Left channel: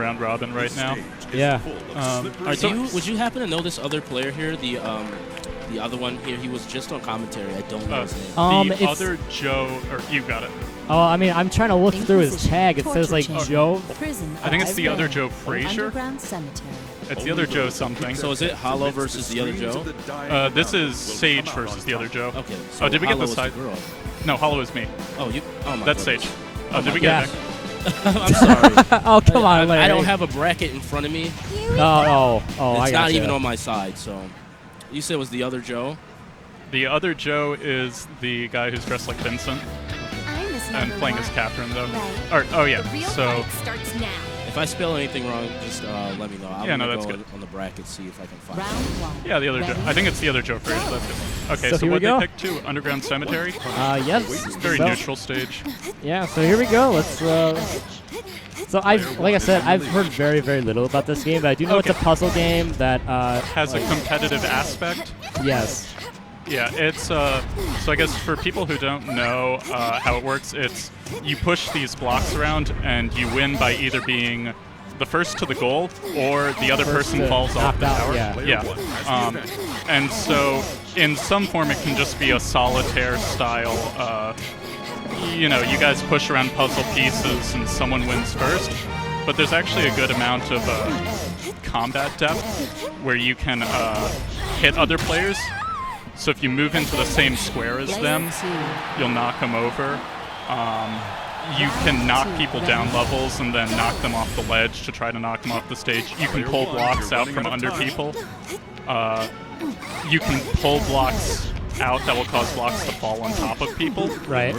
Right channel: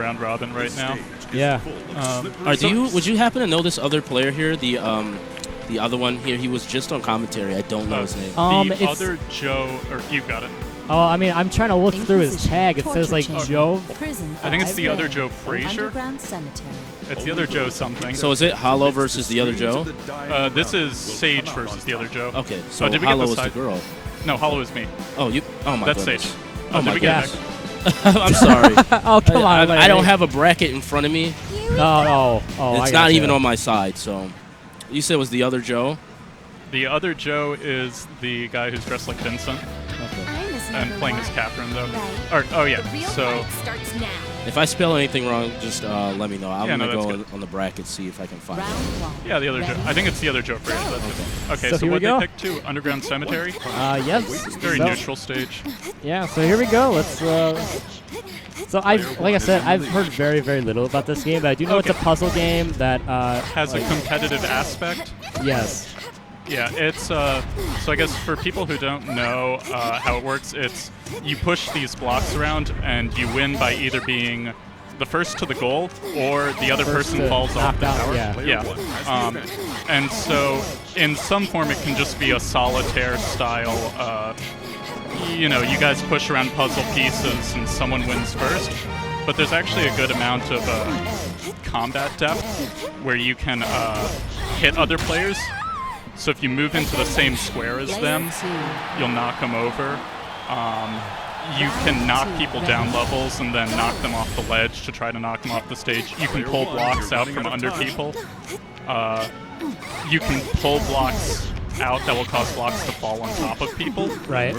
round robin right now. Yeah. Would you happen to know this other player here? The other one here. He was just on commentary. I don't know his name. The other Joe, or you got it. Oh, I mean, I'm trying to look through his tag. It says like Joe. I think it's the other Joe Frazier. It's the other Joe something. So is it Hollow versus the other Joe? This is Sayge versus the other Joe. Okay. So did we Hollow get the is the girl. No, Hollow is me. Oh, you. Oh my That's goodness. Sayge. Oh, did we get it back? I'm sorry. Oh, come on. I don't have a bracket in front of me. Oh, it's not even on my side. So, you said it was the other Joe. The other Joe is the guy who's dressed like Vincent. Okay. And playing as Catherine, though. Oh, yeah. So, if I spell anything wrong, just let me know. I'm going to go on the bracket, see if I can find it there. Yeah, the other Joe. I think it's the other Joe Frazier. That's good. Okay, so what did they pick to? Underground Cemetery? Yes. Very neutral stage. Yeah, so here we go. Let's. So like I said, I've heard very, very little about this game, but I do know it's a puzzle game that has a competitive aspect. Yes. Yeah, it's so I guess for people who don't know how it works, it's you push these blocks around and you win by either being the first to the goal or the other person falls off the tower. Yeah. And so in some form it can just be a solitaire style. You guys push around puzzle pieces and someone wins first, but there's actually a good amount of combat depth where you can hit other players. So if you move into the same square as them, you'll knock them over. You can knock people down levels and then knock them off the ledge to try to knock them off the stage. You can pull blocks out from under people. You can pull blocks out that will cause blocks to fall on top of people. Right.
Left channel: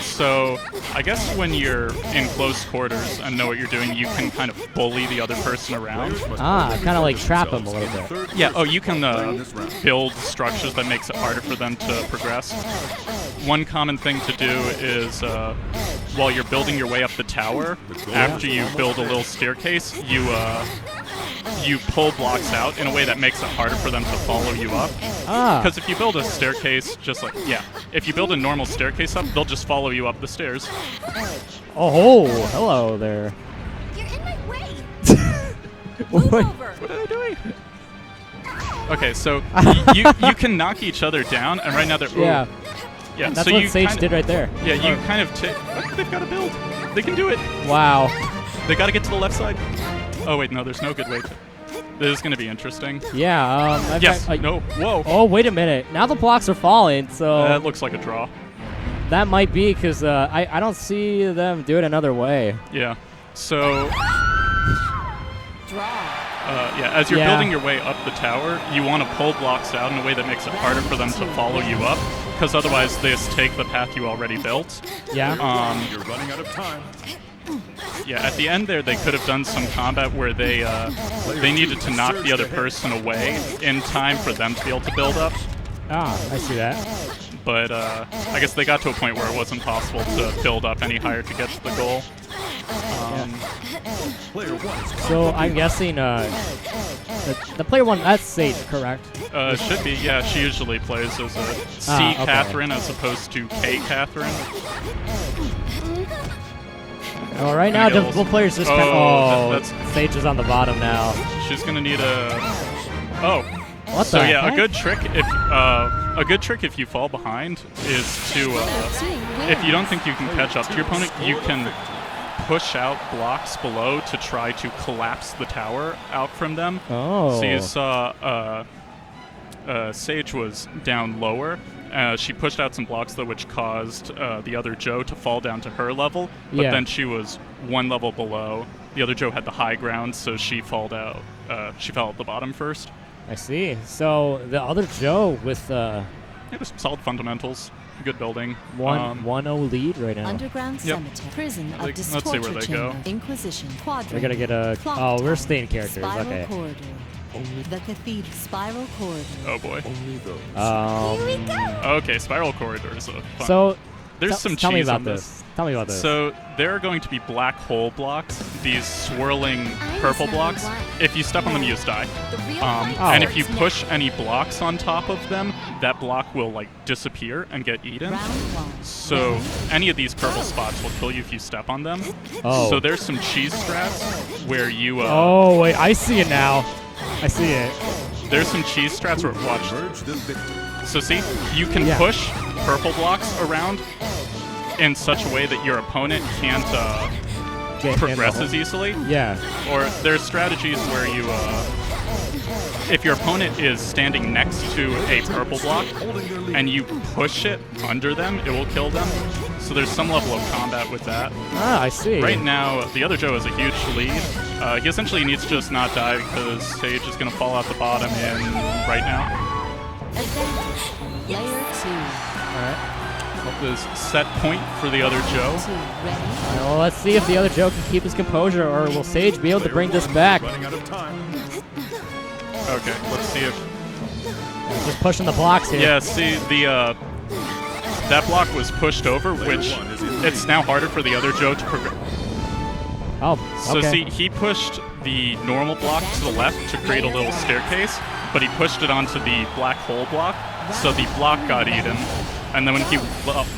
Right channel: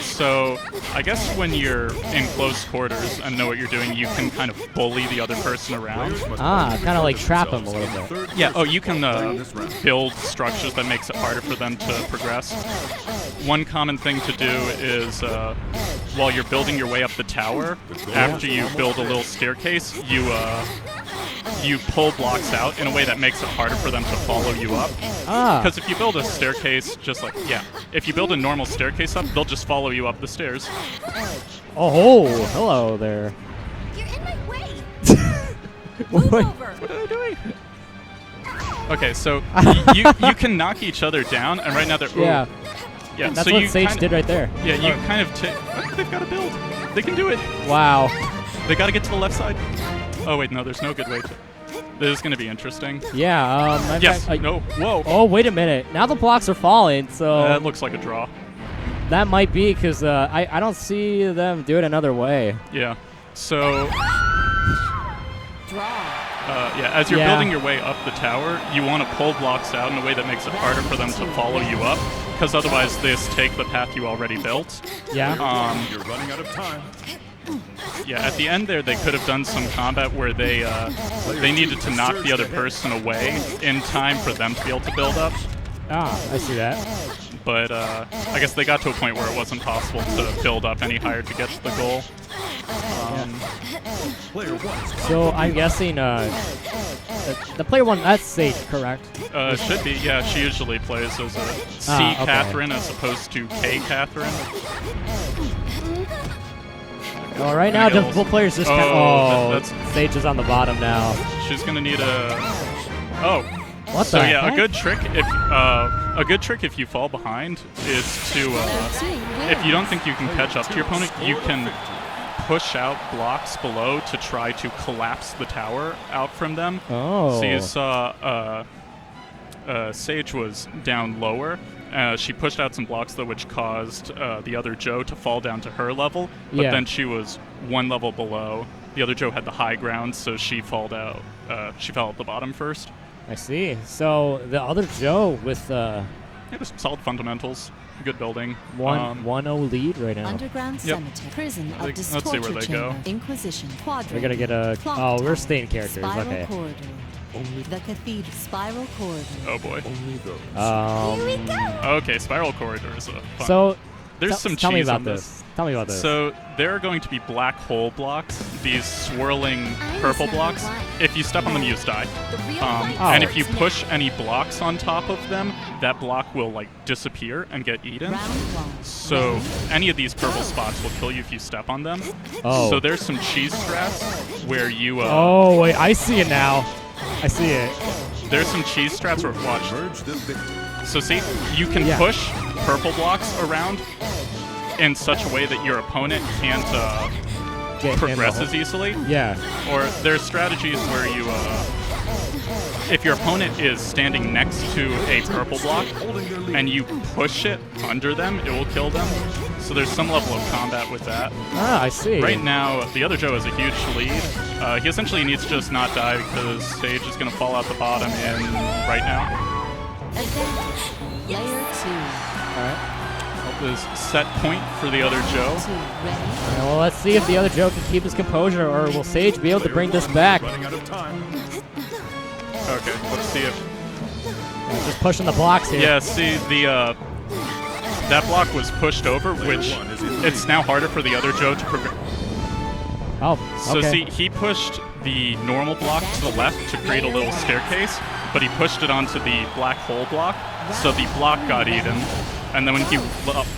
So I guess when you're in close quarters and know what you're doing, you can kind of bully the other person around. Kind of like trap them a little bit. Yeah. Oh, you can build structures that makes it harder for them to progress. One common thing to do is while you're building your way up the tower, after you build a little staircase, you pull blocks out in a way that makes it harder for them to follow you up. Because if you build a staircase, if you build a normal staircase up, they'll just follow you up the stairs. Oh, hello there. What are they doing? Okay, so you can knock each other down, and right now they're... Yeah. Yeah, that's so what Sayge did right there. Yeah, you kind of... What? They've got to build. They can do it. Wow. They got to get to the left side. Oh, wait, no, there's no good way to... This is going to be interesting. Yeah, no, whoa. Oh, wait a minute. Now the blocks are falling, so... That looks like a draw. That might be, because I don't see them do it another way. Yeah, so... as you're building your way up the tower, you want to pull blocks out in a way that makes it harder for them to follow you up, because otherwise they just take the path you already built. Yeah. At the end there, they could have done some combat where they needed to knock the other person away in time for them to be able to build up. I see that. But I guess they got to a point where it wasn't possible to build up any higher to get to the goal. So I'm guessing the player one, that's Sayge, correct? Should be, yeah. She usually plays as a C Catherine as opposed to K Catherine. Okay. Well, right now, just both players just that's Sayge is on the bottom now. She's gonna need a. Oh. What so the yeah, heck? a good trick if you fall behind is to if you don't think you can catch up to your opponent, you can push out blocks below to try to collapse the tower out from them. Oh. So you saw Sayge was down lower. She pushed out some blocks, though, which caused the other Joe to fall down to her level. But then she was one level below. The other Joe had the high ground, so she fell out. She fell at the bottom first. I see. So the other Joe with just solid fundamentals, good building. 1-0 lead right now. Yep. Let's see where they go. We're gonna get a. Oh, we're staying characters. Okay. Oh boy. Okay, spiral corridors. Fun. So there's some tell me cheese about on this. Tell me about this. So there are going to be black hole blocks, these swirling purple blocks. If you step on them, you just die. And if you push any blocks on top of them, that block will disappear and get eaten. So any of these purple spots will kill you if you step on them. Oh. So there's some cheese strats where you. Oh wait, I see it now. I see it. Yeah, there's some cheese strats where watch. So see, you can Yeah. push purple blocks around in such a way that your opponent can't Get progress in the as hole. easily. Yeah. Or there's strategies where you, if your opponent is standing next to a purple block and you push it under them, it will kill them. So there's some level of combat with that. Ah, I see. Right now, TheOtherJoe has a huge lead. He essentially needs to just not die because Sayge is going to fall out the bottom in right now. All right. Hope this set point for TheOtherJoe. All right. Well, let's see if TheOtherJoe can keep his composure, or will Sayge be able to bring this back? Okay, let's see if... Yeah, just pushing the blocks here. Yeah, see, the that block was pushed over, which it's now harder for TheOtherJoe to progress. Oh, okay. So see, he pushed the normal block to the left to create a little staircase, but he pushed it onto the black hole block, so the block got eaten. And then when he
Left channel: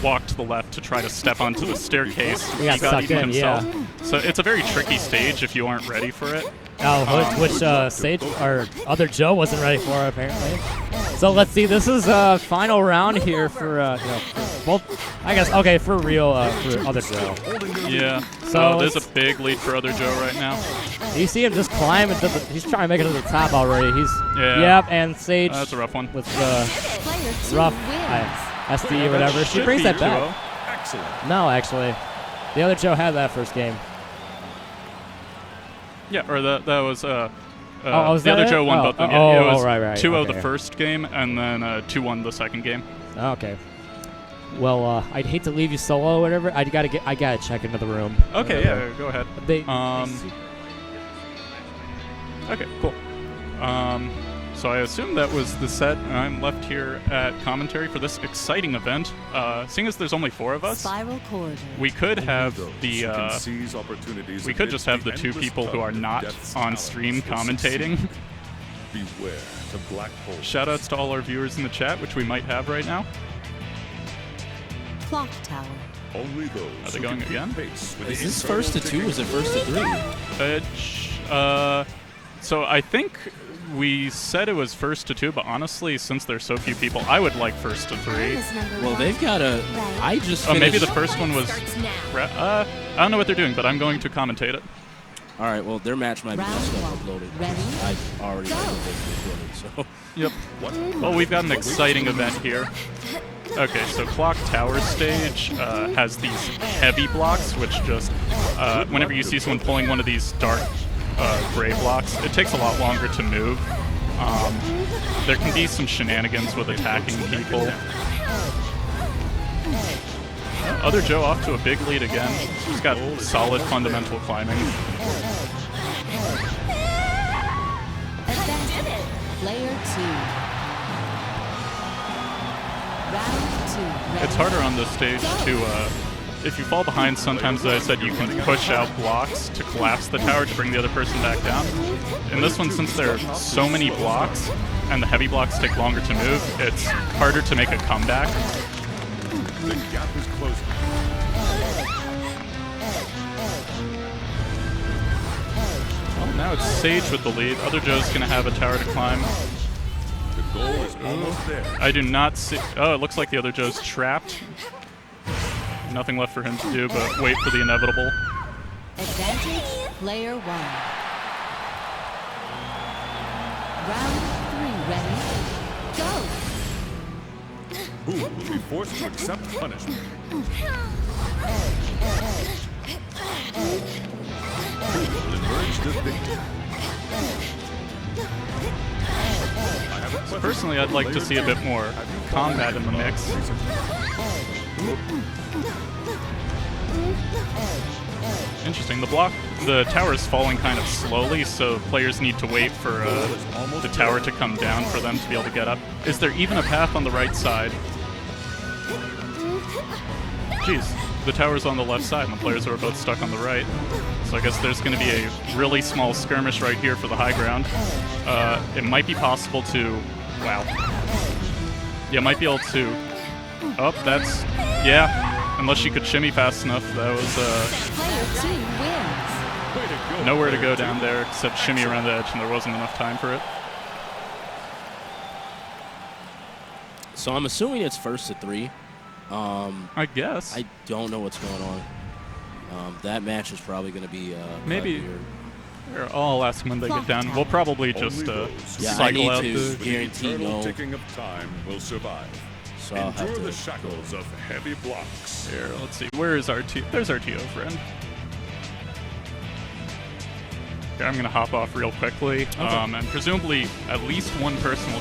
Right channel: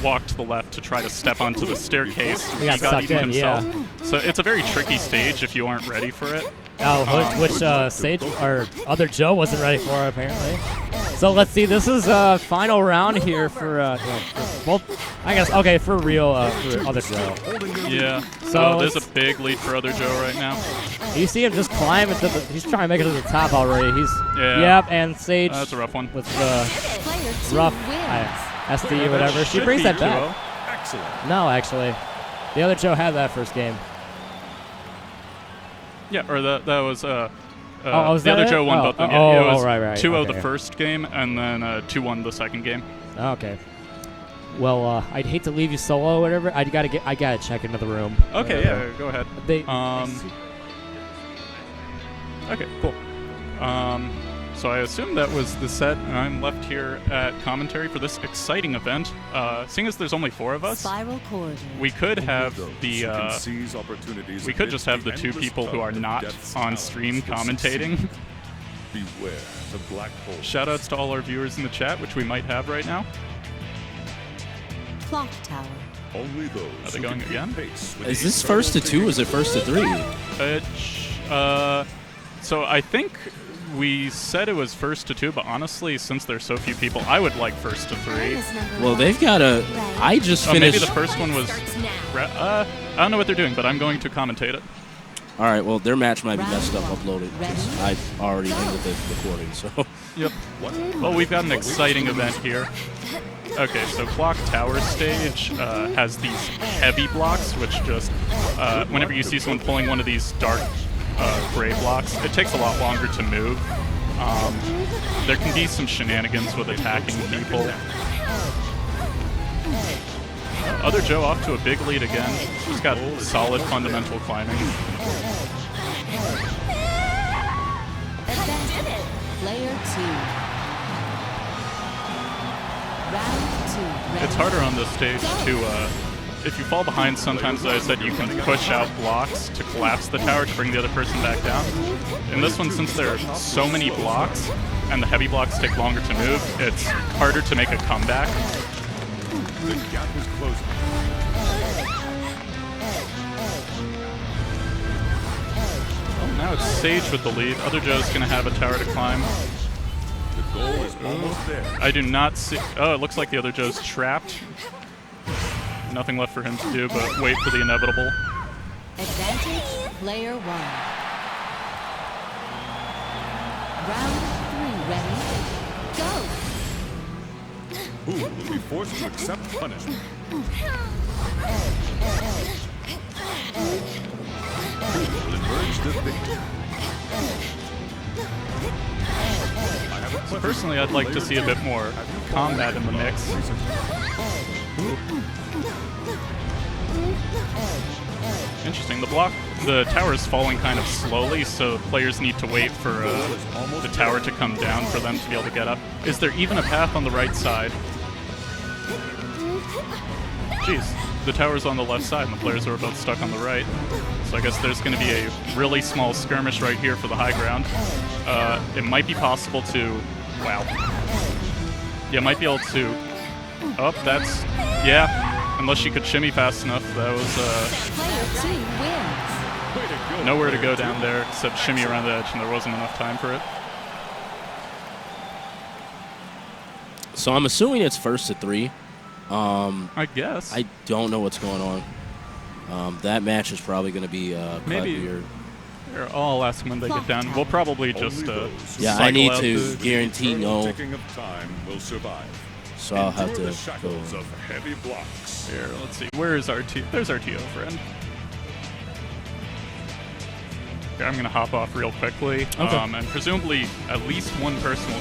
walked to the left to try to step onto the staircase, he got sucked eaten in, himself. yeah. So it's a very tricky stage if you aren't ready for it. Oh, which Sayge or Other Joe wasn't ready for apparently. So let's see. This is final round here for for both. I guess okay for real for Other Joe. Yeah. So there's a big lead for TheOtherJoe right now. You see him just climb into the. He's trying to make it to the top already. He's Yeah. Yep, and Sayge. That's a rough one. With the rough SD or whatever. She should brings be that back. 2-0. No, actually, the Other Joe had that first game. Yeah, or that was was the that other it? Joe won Oh, both of them. oh, Yeah, it oh, was right, 2-0 okay. the first game, and then 2-1 the second game. Okay. Well, I'd hate to leave you solo or whatever. I gotta check into the room. Okay, yeah, go ahead. They Okay, cool. So I assume that was the set. I'm left here at commentary for this exciting event. Seeing as there's only 4 of us, we could have the we could just have the 2 people who are not on stream commentating. Shoutouts to all our viewers in the chat, which we might have right now. Are they going again? Is this first to 2 or is it first to 3? So I think we said it was first to 2, but honestly, since there's so few people, I would like first to 3. Well, they've got a... I just finished... Maybe the first one was... I don't know what they're doing, but I'm going to commentate it. All right, well, their match might be messed up uploaded because I've already ended the recording, so... Yep. Well, we've got an exciting event here. Okay, so Clock Tower stage has these heavy blocks, which just... whenever you see someone pulling one of these dark gray blocks, it takes a lot longer to move. There can be some shenanigans with attacking people. Oh, TheOtherJoe off to a big lead again. He's just got solid fundamental climbing. It's harder on this stage to, if you fall behind, sometimes, as I said, you can push out blocks to collapse the tower to bring the other person back down. In this one, since there are so many blocks, and the heavy blocks take longer to move, it's harder to make a comeback. Well, now it's Sayge with the lead. TheOtherJoe's going to have a tower to climb. Ooh. I do not see... Oh, it looks like TheOtherJoe's trapped. Nothing left for him to do but wait for the inevitable. So personally, I'd like to see a bit more combat in the mix. Ooh. Interesting. The tower is falling kind of slowly, so players need to wait for the tower to come down for them to be able to get up. Is there even a path on the right side? Jeez, the tower's on the left side, and the players are both stuck on the right. So I guess there's going to be a really small skirmish right here for the high ground. It might be possible to... Wow. Yeah, might be able to... Oh, that's... Yeah, unless she could shimmy fast enough. That was... nowhere to go down there except shimmy around the edge, and there wasn't enough time for it. So I'm assuming it's first to 3. I guess. I don't know what's going on. That match is probably going to be maybe. weird. Here, I'll ask them when they get down. We'll probably just yeah, cycle I need out to the guarantee no. So I'll have to go. Here, let's see. Where is our There's our TO friend. Here, I'm going to hop off real quickly. Okay. And presumably at least one person will